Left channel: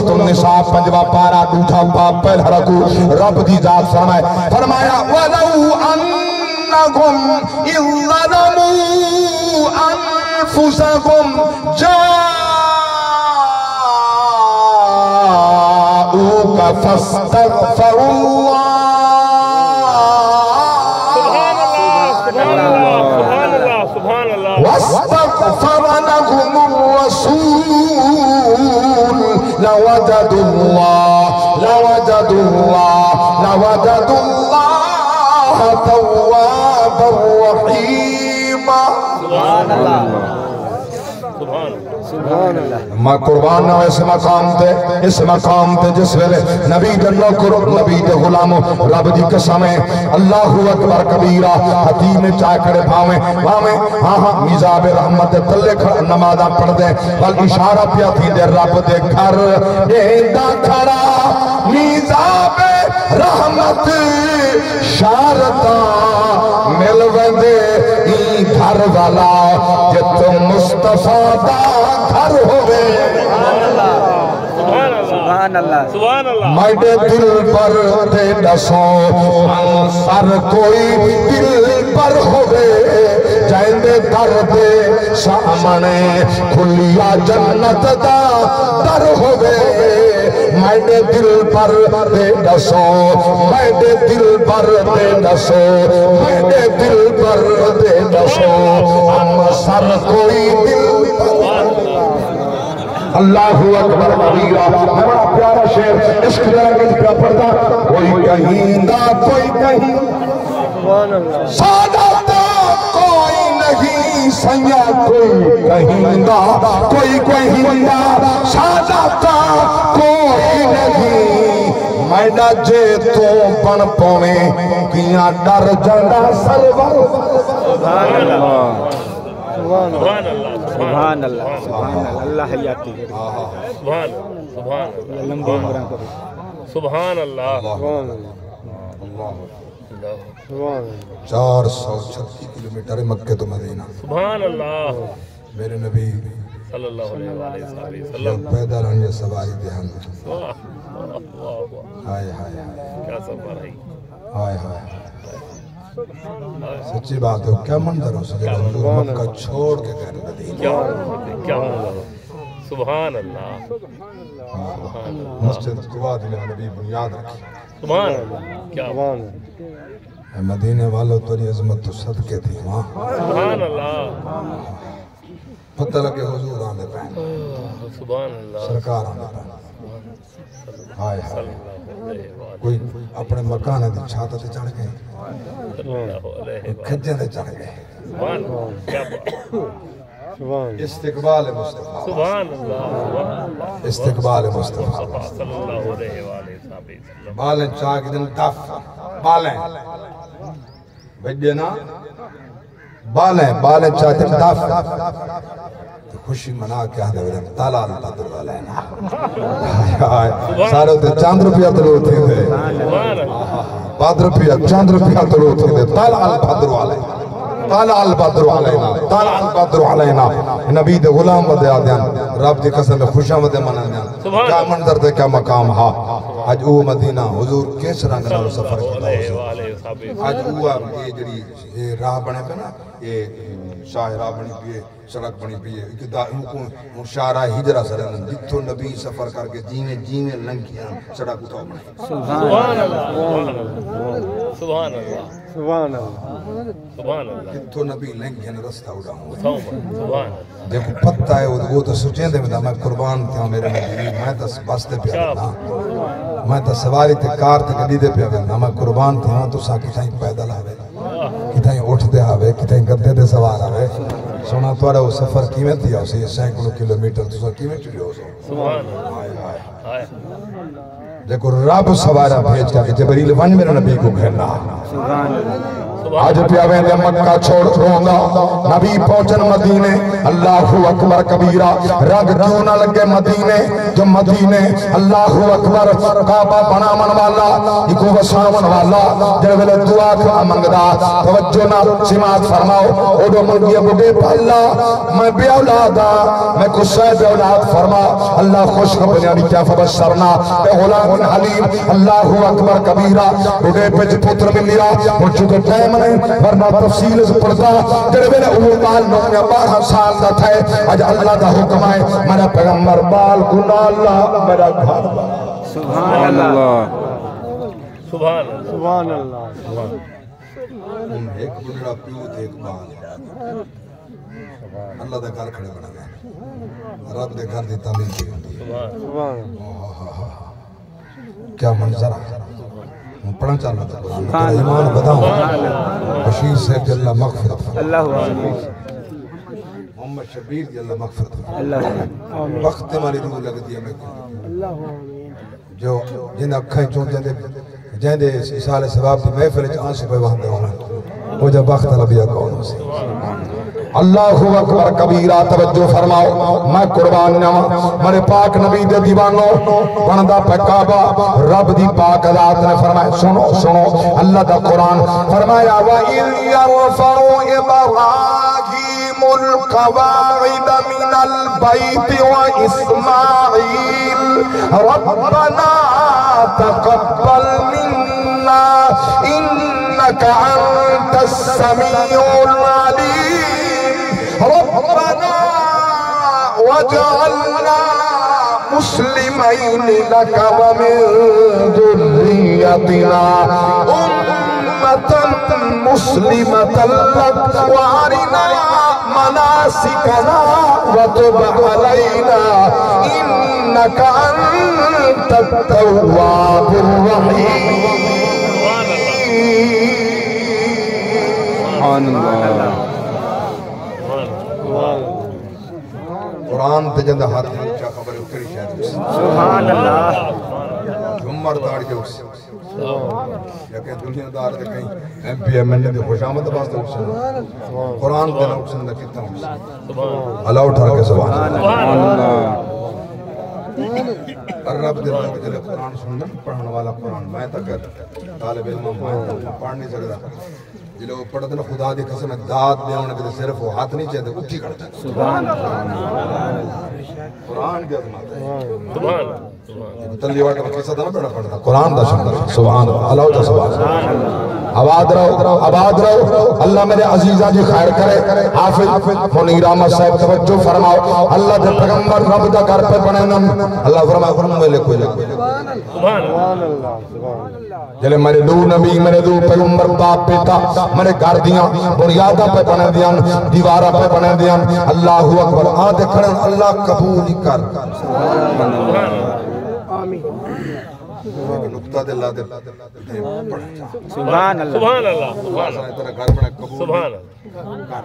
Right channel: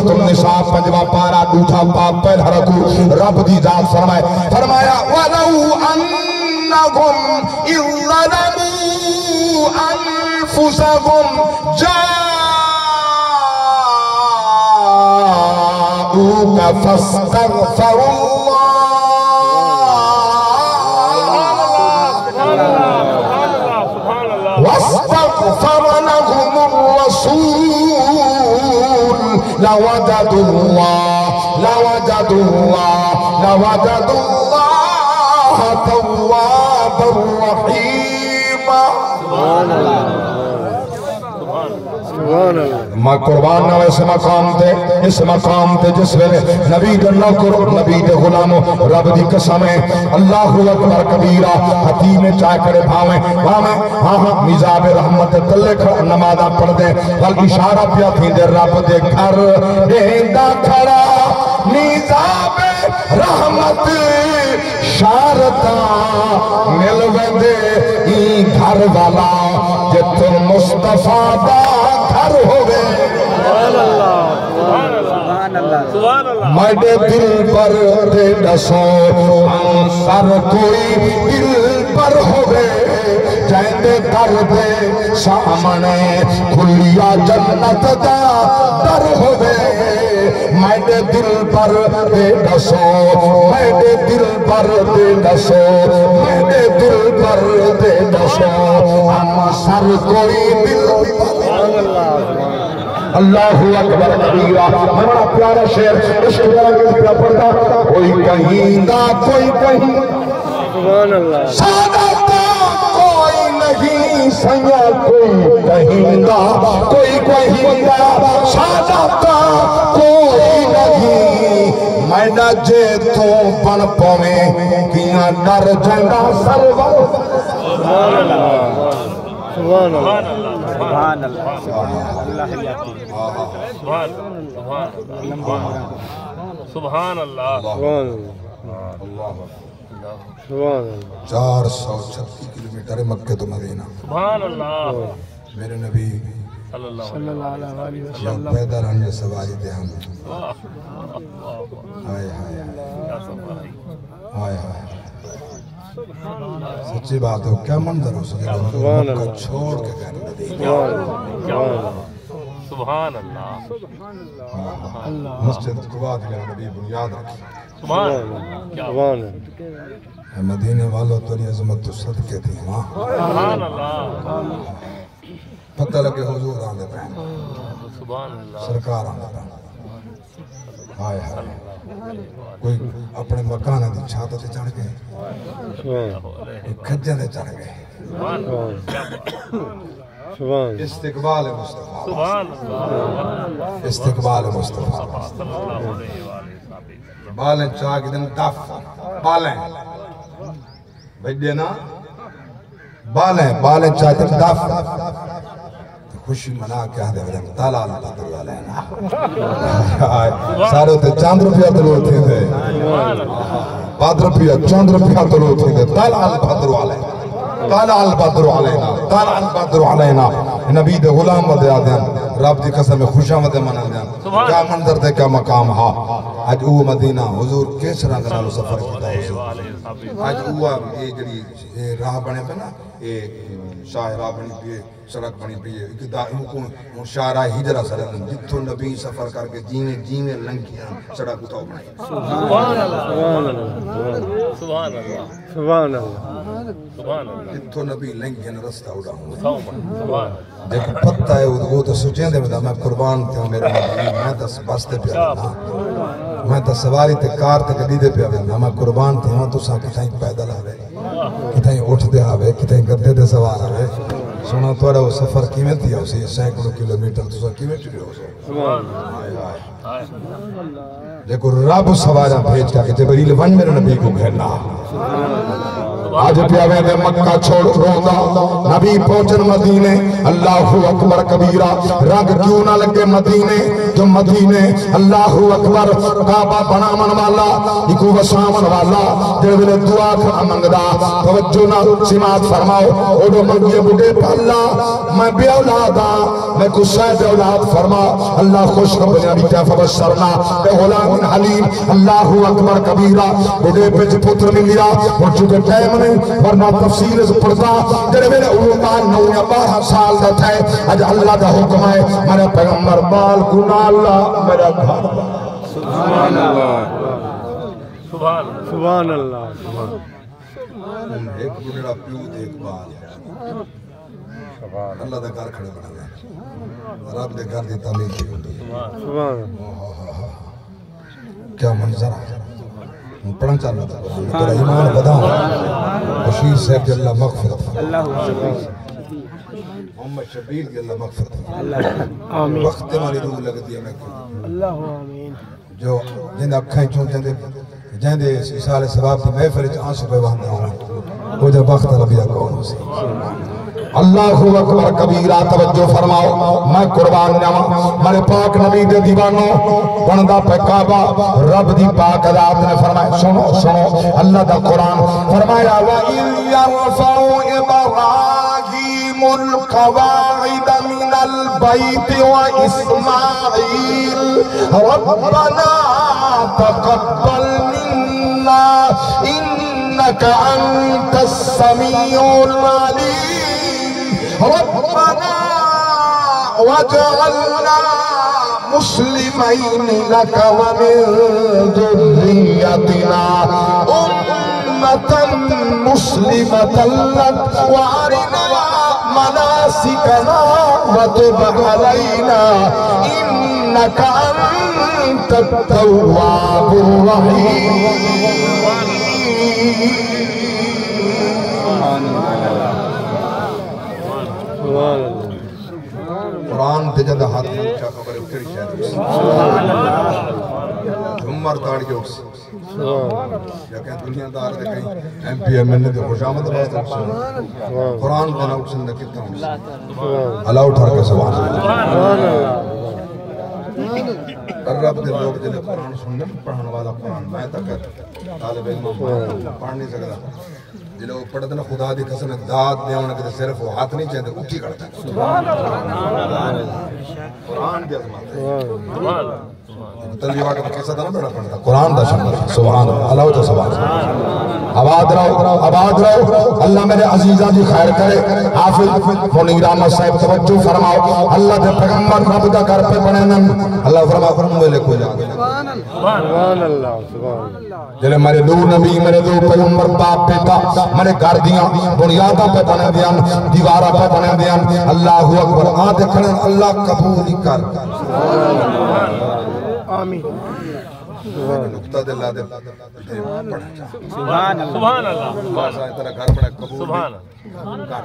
سورۃ النساء 5واں پارہ 2 باب پہلا رکوع رب دی ذات فرمایا وَلَوْ أَنَّهُمْ إِذْ ظَلَمُوا أَنفُسَهُمْ جَاءُوكَ فَاسْتَغْفَرُوا واستغفر لهم الرسول لوجدوا الله توابا رحيما. میں قربان نہ اس مقام تے جس ویلے نبی دے نوکر نبی دے غلاموں رب دی قسم ہے اللہ اکبر کبیرہ حتیم چاہ کرے بھاویں ہاں میزاب رحمت تلے نمازہ پڑھ دے بل اشارہ پیا تھی دے رب دے گھر ڈینڈا کھڑا میزاب رحمت شارتہ ملوے دے ای گھر والا جتو مصطفیٰ دا گھر ہوئے مائدے دل پر دے دسو انصر کوئی دل پر ہوئے جائندے در دے سامنے کھلیا جنت دا در ہوئے مائدے دل پر دے دسو مائدے دل پر دے دسو مائدے دل پر دے دسو انصر کوئی دل پر اللہ اکبر کبیرہ ہمارا پیارا شعر عشق رنگز پہ پڑھتا کوئی کہیں گا کوئی کہیں سادتا کوئی نہیں سیاں کوئی کہیں گا کوئی کہیں گا سادتا کوئی نہیں میڈا جے تو پن پویں کیاں ڈر جائندہ سرور سبحان اللہ سبحان اللہ اللہ حیاتی سبحان اللہ 436 کلومیٹر مکہ تو مدینہ سبحان اللہ میرے نبی صلی اللہ علیہ وسلم جب پیدا رہنے سوائی دھیان آئے کیا سفر ہے آئے سچی بات ہو کیا منظر ہو سکے مکہ چھوڑ کے گھر مدینہ سبحان اللہ مسجد قباء میں نبی بنیاد رکھی سبحان اللہ مدینے والوں تری عظمت تو صدقے تھی سبحان اللہ پتہ لگے حضور آنے پہنے سرکار آنے پہنے آئے کوئی اپنے مکانے دی چھاتا تے چڑھ گئے کھجے تے چڑھ گئے استقبال مصطفیٰ استقبال مصطفیٰ بالیں چاہ کے دن ڈف بالیں بھئی نا بالیں چاہ کے دن ڈف خوشی منا کیا دے رہے تالال بدر والینا سارے ہوتے چاند روپیہ دلو تھے دے چاند روپیہ دلو تھے دے تالال بدر والینا تالال بدر علینا نبی دے غلام و دے آدیان رب دی قسم خوشا و دے منن دیان کیا منظر دے کیا مقام ہا آج او مدینہ حضور کیس رنگ نالو سفر کی آج او یہ جڑی راہ بنے پہ نا یہ شاہ راہ بنی پیئے سڑک بنی پیئے شاہراہ ہجرہ سرن جتو نبی سفر کر کے جینے لنگیاں سڑک اتاو بنائی سبحان اللہ جتو نبی لنگیاں رستہ اڑا ہوں دیکھو پتہ ہے وہ تو سچیں دے میں قربان تھا میرے نبی میں تا بستے پہ آنا میں تا سواری تے کار تے گلی دے پہ آنا میں قربان تھا تو سا کتائیں پیدل آوے کتائیں اٹھ دے آوے کتائیں گدے دے سوار آوے سونا توڑے وہ سفر کیمیں تھی آؤ سی سینکڑوں کلومیٹر تو سا کیمیں چلی ہو سو دیکھو رب سوارا بھیج کا کہ جبریل ون میرے نبی کو گھرنا آج پیاوے دے مکہ چھوڑ روندا نبی پہنچن مدینے اللہ اکبر کبیرہ رنگ کیوں نہ لگے مدینے جو مدینے اللہ اکبر کعبہ بناون والا ایکو وساون والا جڑے ویلے دعا کر منگدا توجہ نہ سماعت فرماؤ اوڈو منگے بڈے پالا میں بے اولاد میں کسے بے اولاد فرما اللہ خوش ہو جانی کیا فبشرنا بے غلام حلیم اللہ اکبر کبیرہ بڈے پچ پتر ملیا موجود ٹائم نہیں ورنہ تفصیل سے پڑھتا جڑے میرے علومال نویا 12 سال دا تھے اج اللہ دا حکم ہے میرا پیغمبر بال گناہ اللہ میرا گھر سبحان اللہ سبحان اللہ ایک بڑا پیوت ایک بال اللہ دے گھر کھڑے بنا گئے رب دے گھر دی تعمیر کی ہوتی ہے کیا منظر ہے پڑھنا چاہ رہا تھا تیرا ایمان بداؤں بشیر صاحب کی اللہ مغفرت محمد شبیر کی اللہ مغفرت وقت ہماری دور لگتی ہے میں جو جن اکھیں چون جہندے اسال سباب کی محفل آنسو پہ وہاں ہوں وہ جب وقت لبیا کون ہو سی اللہ اکبر کبیرہ توجہ فرماؤ میں قربان جاواں میرے پاک نبی دے دیوانوں بندا پہ کعبہ رب دی پاک ذات نے فرمایا سنو سنو اللہ دا قرآن فرمایا وَإِذْ يَرْفَعُ إِبْرَاهِيمُ الْقَوَاعِدَ مِنَ الْبَيْتِ وَإِسْمَاعِيلُ رَبَّنَا تَقَبَّلْ مِنَّا إِنَّكَ أَنْتَ السَّمِيعُ الْعَلِيمُ رَبَّنَا وَاجْعَلْنَا مُسْلِمَيْنِ لَكَ وَمِن ذُرِّيَّتِنَا أُمَّةً مُسْلِمَةً لَكَ وَأَرِنَا مَنَاسِكَنَا وَتُبْ عَلَيْنَا إِنَّكَ أَنْتَ التَّوَّابُ الرَّحِيمُ قرآن تے جندہ ہاتھ میں اچھا خبر ہے اکھری شاید عمر داڑ کے اکس لیکن دنیا دار دے کہیں ایم پی ایم این نے خوش آمد باست اکسن قرآن تے نہ اکسن دے کتنا اکسن اللہ اٹھار کے سوال رب دے لوگ جلے قرآن سننے پڑھنے والا قرآن میں تک طالب علم پڑھ نہیں سکتا جلے وہ پڑھتے ہیں خدا دی قسم داد دے ہونے کے صرف وہ ہاتھ نہیں چاہتے اٹھی کرتا ہے قرآن دی عظمت ہے تلی واقع تو قصہ نہ پڑھنا قرآن دا سبحان اللہ دا سبحان آباد رہو اللہ میرے عزیزہ جی خیر کرے حافظ منیر احمد صاحب توجہ فرماؤ اللہ دے پیغمبر رب دا گھر پہ پڑھے اللہ فرماؤ فرماؤ میں لکھو سبحان اللہ جلے میرے دو نبی میرے دو پیغمبر باپ بیٹا میرے گھر دیاں بنیادہ پہ بنے دیاں دیوارہ پہ بنے دیاں اللہ اکبر آن دیکھنے اللہ قبول کر آمین نقطہ دے اللہ دے پڑھا چاہا سبحان اللہ اتنا گھر پڑھا قبول کر